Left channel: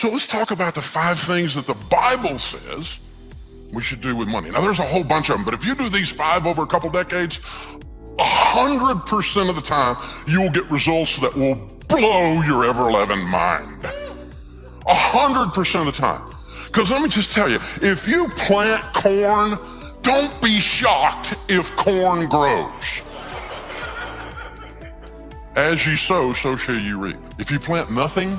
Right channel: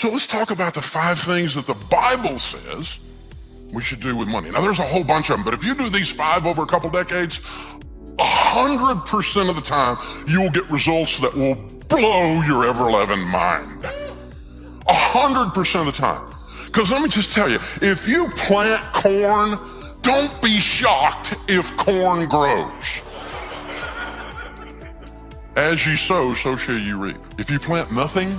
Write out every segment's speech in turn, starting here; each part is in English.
So let's talk about the 5 things that the Bible says we should do with money. Now, there's a whole bunch of them, but if you do these 5 over a couple decades, 100% of the time, you will get results that will blow your ever-loving mind. 100% of the time. Because let me just tell you, if you plant corn, don't be shocked if corn grows. As ye sow, so shall you reap. If you plant nothing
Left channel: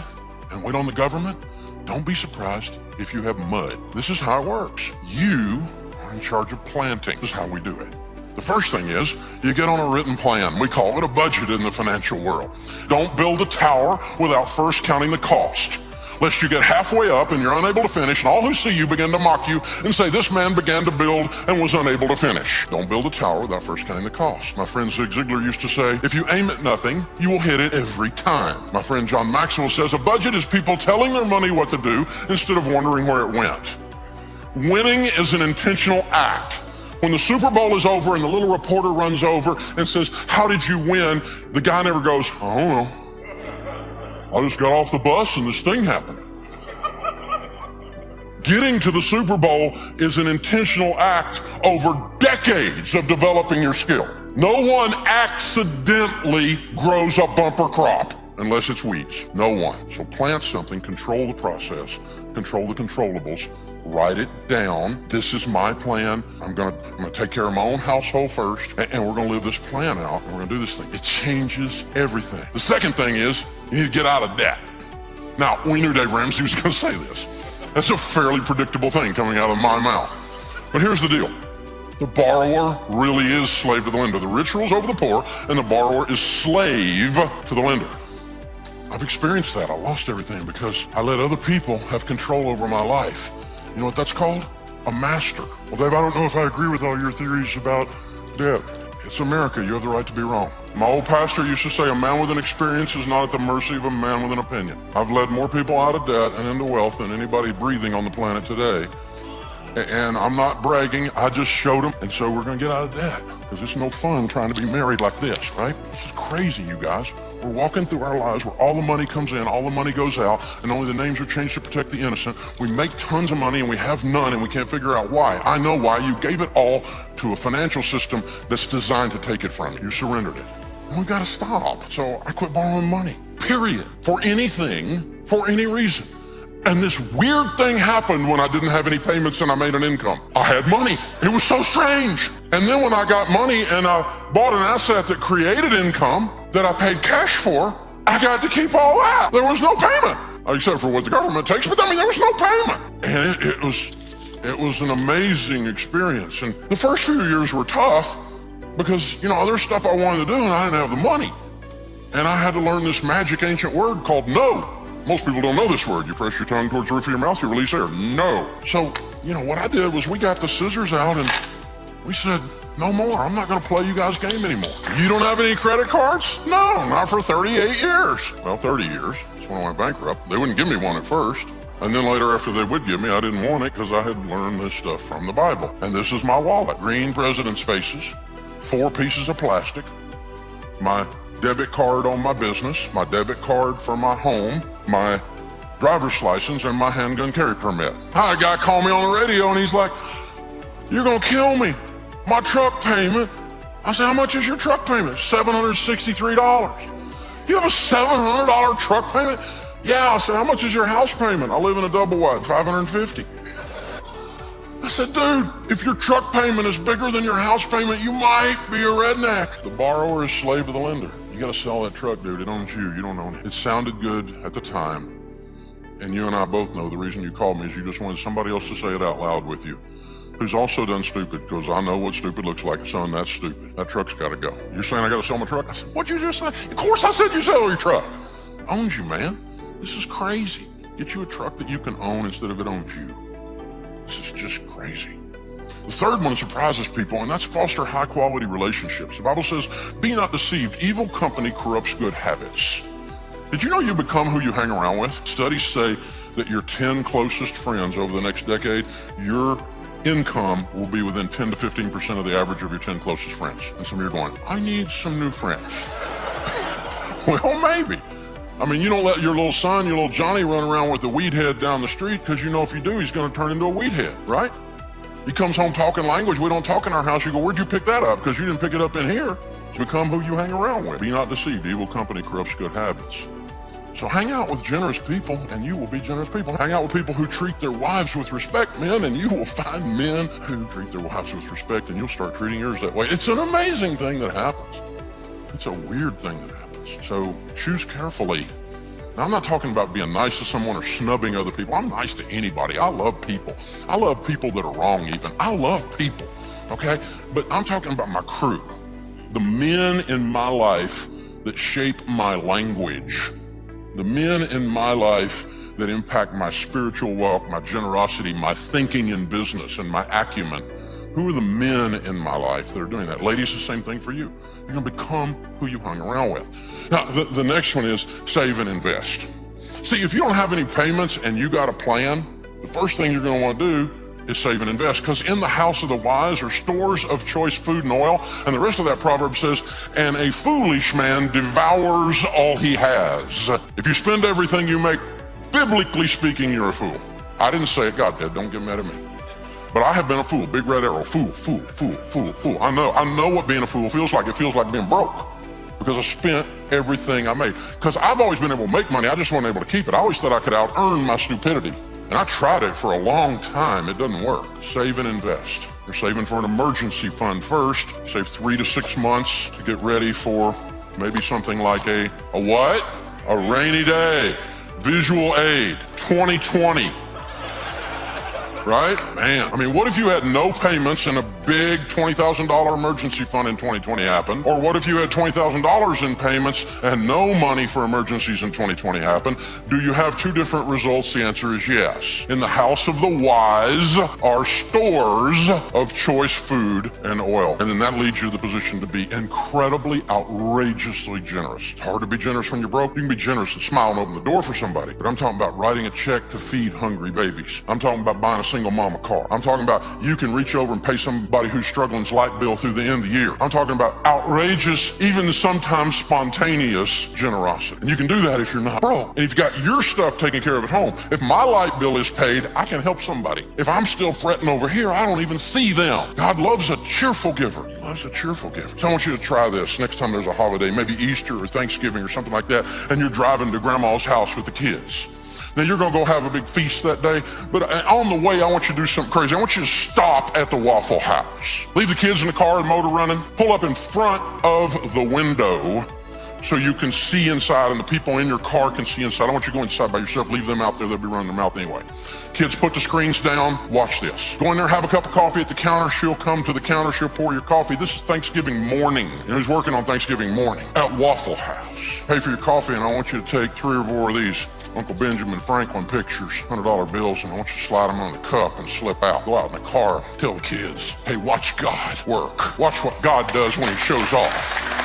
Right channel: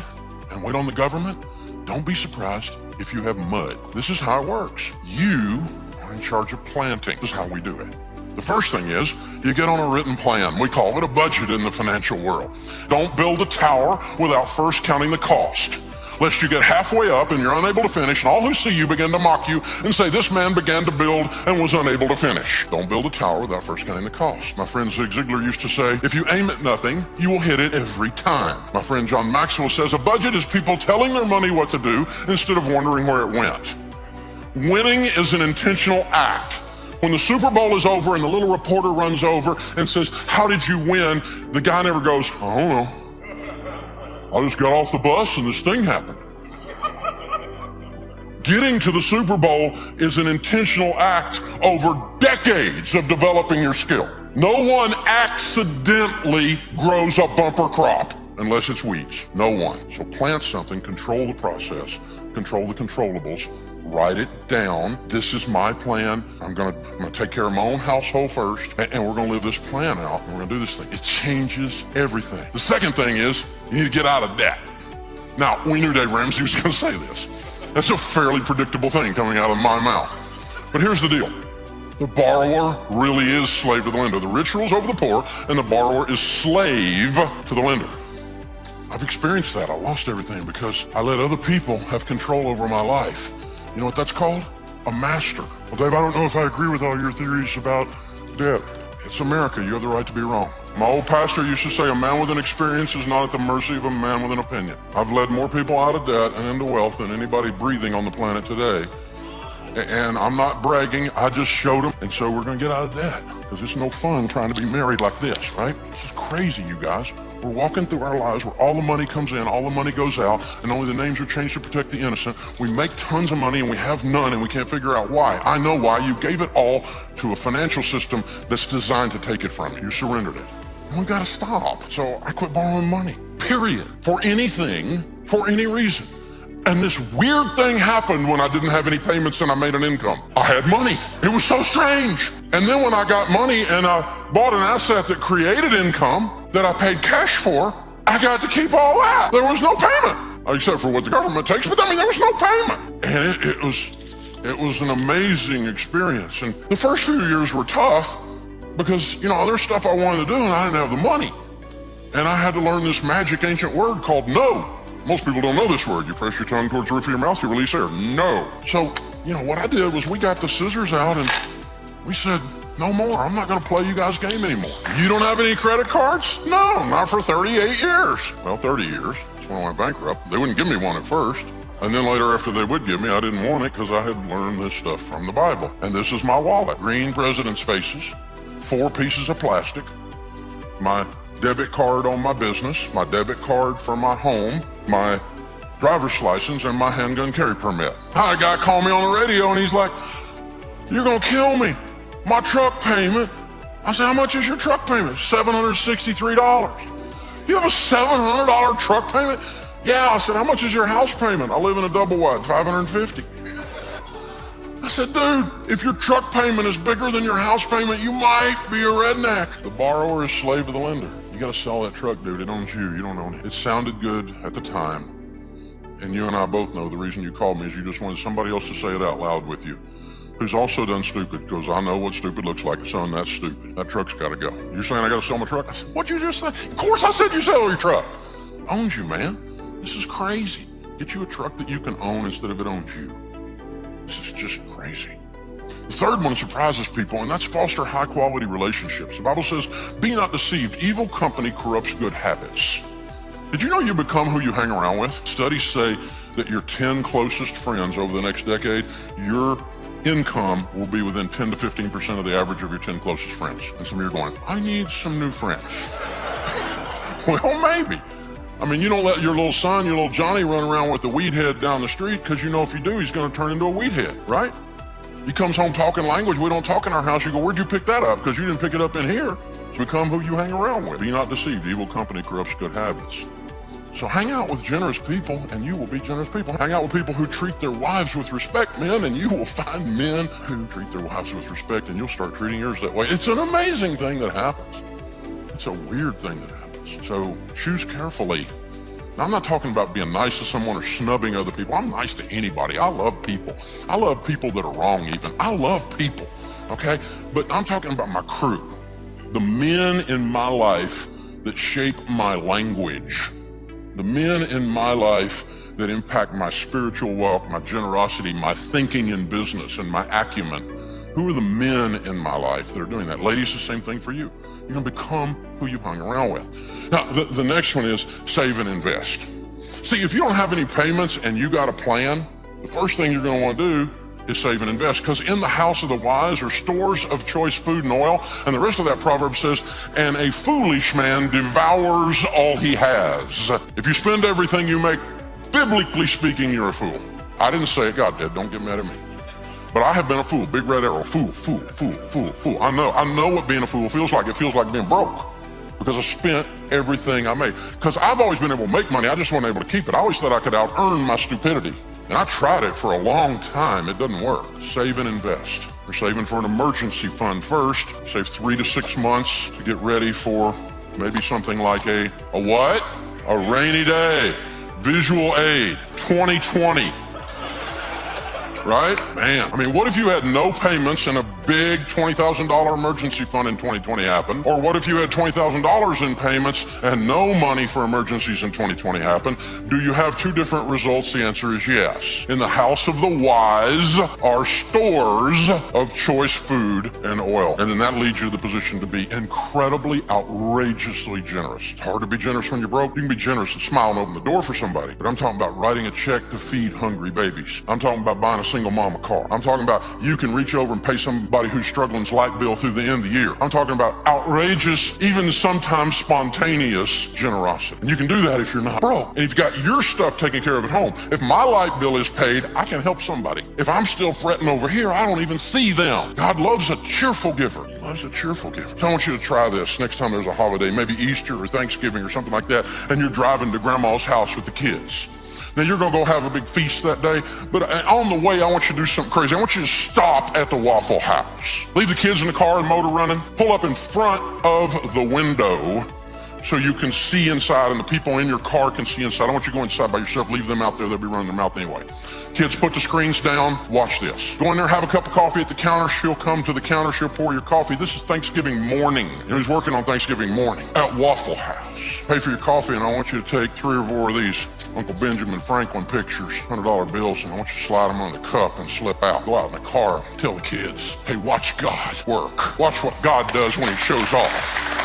and wait on the government, don't be surprised if you have mud. This is how it works. You are in charge of planting. This is how we do it. The first thing is, you get on a written plan. We call it a budget in the financial world. Don't build a tower without first counting the cost. Lest you get halfway up and you're unable to finish, and all who see you begin to mock you and say, this man began to build and was unable to finish. Don't build a tower without first counting the cost. My friend Zig Ziglar used to say, if you aim at nothing, you will hit it every time. My friend John Maxwell says, a budget is people telling their money what to do instead of wondering where it went. Winning is an intentional act. When the Super Bowl is over and the little reporter runs over and says, how did you win? The guy never goes, I don't know. I just got off the bus and this thing happened. Getting to the Super Bowl is an intentional act over decades of developing your skill. No one accidentally grows a bumper crop unless it's weeds. No one. So plant something, control the process, control the controllables, write it down. This is my plan. I'm gonna take care of my own household first, and we're gonna live this plan out, and we're gonna do this thing. It changes everything. The second thing is, you need to get out of debt. Now, we knew Dave Ramsey was gonna say this. That's a fairly predictable thing coming out of my mouth. But here's the deal. The borrower really is slave to the lender. The rich rules over the poor, and the borrower is slave to the lender. I've experienced that. I lost everything because I let other people have control over my life. You know what that's called? A master. Well, Dave, I don't know if I agree with all your theories about debt. It's America. You have the right to be wrong. My old pastor used to say, a man with an experience is not at the mercy of a man with an opinion. I've led more people out of debt and into wealth than anybody breathing on the planet today. And I'm not bragging, I just showed them. And so we're gonna get out of debt. Because it's no fun trying to be married like this, right? This is crazy, you guys. We're walking through our lives where all the money comes in, all the money goes out, and only the names are changed to protect the innocent. We make tons of money and we have none, and we can't figure out why. I know why. You gave it all to a financial system that's designed to take it from you. You surrendered it. We gotta stop. So I quit borrowing money, period. For anything, for any reason. And this weird thing happened when I didn't have any payments and I made an income. I had money. It was so strange. And then when I got money and I bought an asset that created income that I paid cash for, I got to keep all that. There was no payment, except for what the government takes, but I mean, there was no payment. And it was an amazing experience. And the first few years were tough because, you know, other stuff I wanted to do and I didn't have the money. And I had to learn this magic ancient word called no. Most people don't know this word. You press your tongue towards the roof of your mouth, you release air. No. So, you know, what I did was we got the scissors out and we said, no more. I'm not going to play you guys' game anymore. You don't have any credit cards? No, not for 38 years. Well, 30 years. That's when I went bankrupt. They wouldn't give me one at first. And then later, after they would give me, I didn't want it because I had learned this stuff from the Bible. And this is my wallet. Green president's faces, 4 pieces of plastic, my debit card on my business, my debit card for my home, my driver's license, and my handgun carry permit. And a guy called me on the radio and he's like, you're gonna kill me. My truck payment. I said, how much is your truck payment? $763. You have a $700 truck payment? Yeah. I said, how much is your house payment? I live in a double wide, $550. I said, dude, if your truck payment is bigger than your house payment, you might be a redneck. The borrower is slave to the lender. You gotta sell that truck, dude. It owns you. You don't own it. It sounded good at the time. And you and I both know the reason you called me is you just wanted somebody else to say it out loud with you. Who's also done stupid, because I know what stupid looks like. Son, that's stupid. That truck's gotta go. You're saying I gotta sell my truck? I said, what'd you just say? Of course I said you sell your truck. Owns you, man. This is crazy. Get you a truck that you can own instead of it owns you. This is just crazy. The third one surprises people, and that's foster high-quality relationships. The Bible says, be not deceived. Evil company corrupts good habits. Did you know you become who you hang around with? Studies say that your 10 closest friends over the next decade, your income will be within 10 to 15% of the average of your 10 closest friends. And some of you are going, I need some new friends. Well, maybe. I mean, you don't let your little son, your little Johnny run around with a weed head down the street because you know if you do, he's going to turn into a weed head, right? He comes home talking language we don't talk in our house. You go, where'd you pick that up? Because you didn't pick it up in here. Become who you hang around with. Be not deceived. Evil company corrupts good habits. So hang out with generous people and you will be generous people. Hang out with people who treat their wives with respect, men, and you will find men who treat their wives with respect and you'll start treating yours that way. It's an amazing thing that happens. It's a weird thing that happens. So choose carefully. Now, I'm not talking about being nice to someone or snubbing other people. I'm nice to anybody. I love people. I love people that are wrong even. I love people, okay? But I'm talking about my crew. The men in my life that shape my language. The men in my life that impact my spiritual walk, my generosity, my thinking in business, and my acumen. Who are the men in my life that are doing that? Ladies, the same thing for you. You're going to become who you hang around with. Now, the next one is save and invest. See, if you don't have any payments and you got a plan, the first thing you're going to want to do is save and invest. Because in the house of the wise are stores of choice food and oil. And the rest of that proverb says, and a foolish man devours all he has. If you spend everything you make, biblically speaking, you're a fool. I didn't say it, God did. Don't get mad at me. But I have been a fool. Big red arrow. Fool. I know what being a fool feels like. It feels like being broke. Because I spent everything I made. Because I've always been able to make money. I just wasn't able to keep it. I always thought I could out-earn my stupidity. And I tried it for a long time. It doesn't work. Save and invest. You're saving for an emergency fund first. Save 3 to 6 months to get ready for maybe something like a what? A rainy day. Visual aid. 2020. Right? Man, I mean, what if you had no payments and a big $20,000 emergency fund in 2020 happened? Or what if you had $20,000 in payments and no money for emergencies in 2020 happened? Do you have 2 different results? The answer is yes. In the house of the wise are stores of choice food and oil. And then that leads you to the position to be incredibly, outrageously generous. It's hard to be generous when you're broke. You can be generous and smile and open the door for somebody. But I'm talking about writing a check to feed hungry babies. I'm talking about buying a single mama car. I'm talking about you can reach over and pay somebody who's struggling's light bill through the end of the year. I'm talking about outrageous, even sometimes spontaneous generosity. And you can do that if you're not broke. And you've got your stuff taken care of at home. If my light bill is paid, I can help somebody. If I'm still fretting over here, I don't even see them. God loves a cheerful giver. He loves a cheerful giver. So I want you to try this next time there's a holiday, maybe Easter or Thanksgiving or something like that, and you're driving to grandma's house with the kids. Now, you're going to go have a big feast that day, but on the way, I want you to do something crazy. I want you to stop at the Waffle House. Leave the kids in the car and motor running. Pull up in front of the window so you can see inside and the people in your car can see inside. I don't want you to go inside by yourself. Leave them out there. They'll be running their mouth anyway. Kids, put the screens down. Watch this. Go in there, have a cup of coffee at the counter. She'll come to the counter. She'll pour your coffee. This is Thanksgiving morning. Who's working on Thanksgiving morning? At Waffle House. Pay for your coffee, and I want you to take 3 or 4 of these Uncle Benjamin Franklin pictures, $100 bills, and I want you to slide them on the cup and slip out. Go out in the car, tell the kids, hey, watch God work. Watch what God does when he shows off.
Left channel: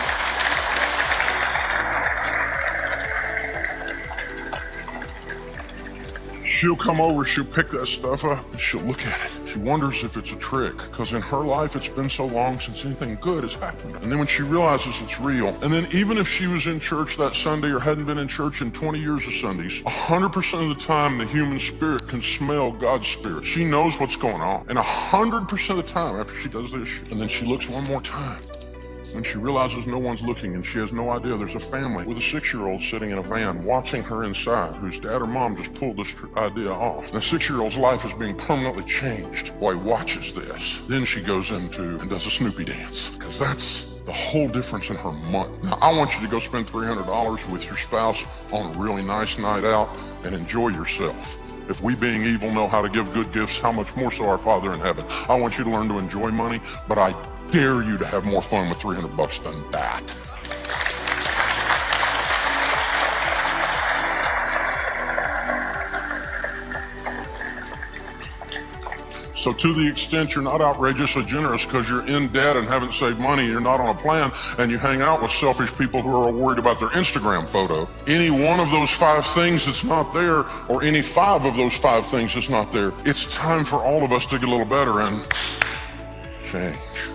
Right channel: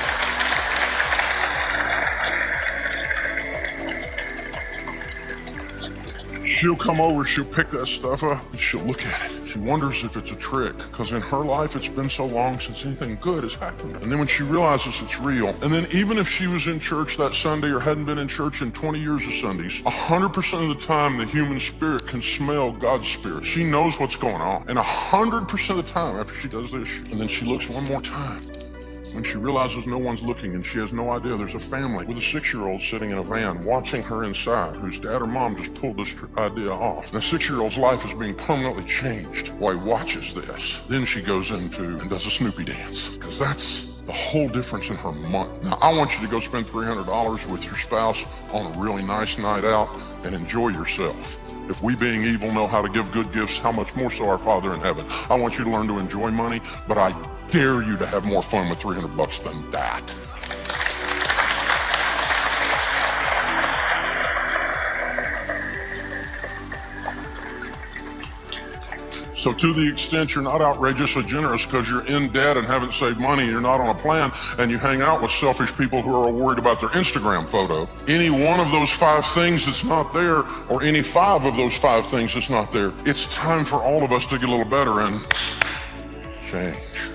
She'll come over, she'll pick that stuff up, she'll look at it. She wonders if it's a trick, because in her life it's been so long since anything good has happened. And then when she realizes it's real, and then even if she was in church that Sunday or hadn't been in church in 20 years of Sundays, 100% of the time the human spirit can smell God's spirit. She knows what's going on. And 100% of the time after she does this, and then she looks one more time, when she realizes no one's looking and she has no idea there's a family with a 6-year-old sitting in a van watching her inside, whose dad or mom just pulled this idea off. The 6-year-old's life is being permanently changed while he watches this. Then she goes into and does a Snoopy dance, because that's the whole difference in her month. Now, I want you to go spend $300 with your spouse on a really nice night out and enjoy yourself. If we being evil know how to give good gifts, how much more so our Father in heaven? I want you to learn to enjoy money, but I dare you to have more fun with $300 than that. So to the extent you're not outrageously generous because you're in debt and haven't saved money, you're not on a plan, and you hang out with selfish people who are worried about their Instagram photo, any one of those 5 things that's not there, or any 5 of those 5 things that's not there, it's time for all of us to get a little better and change.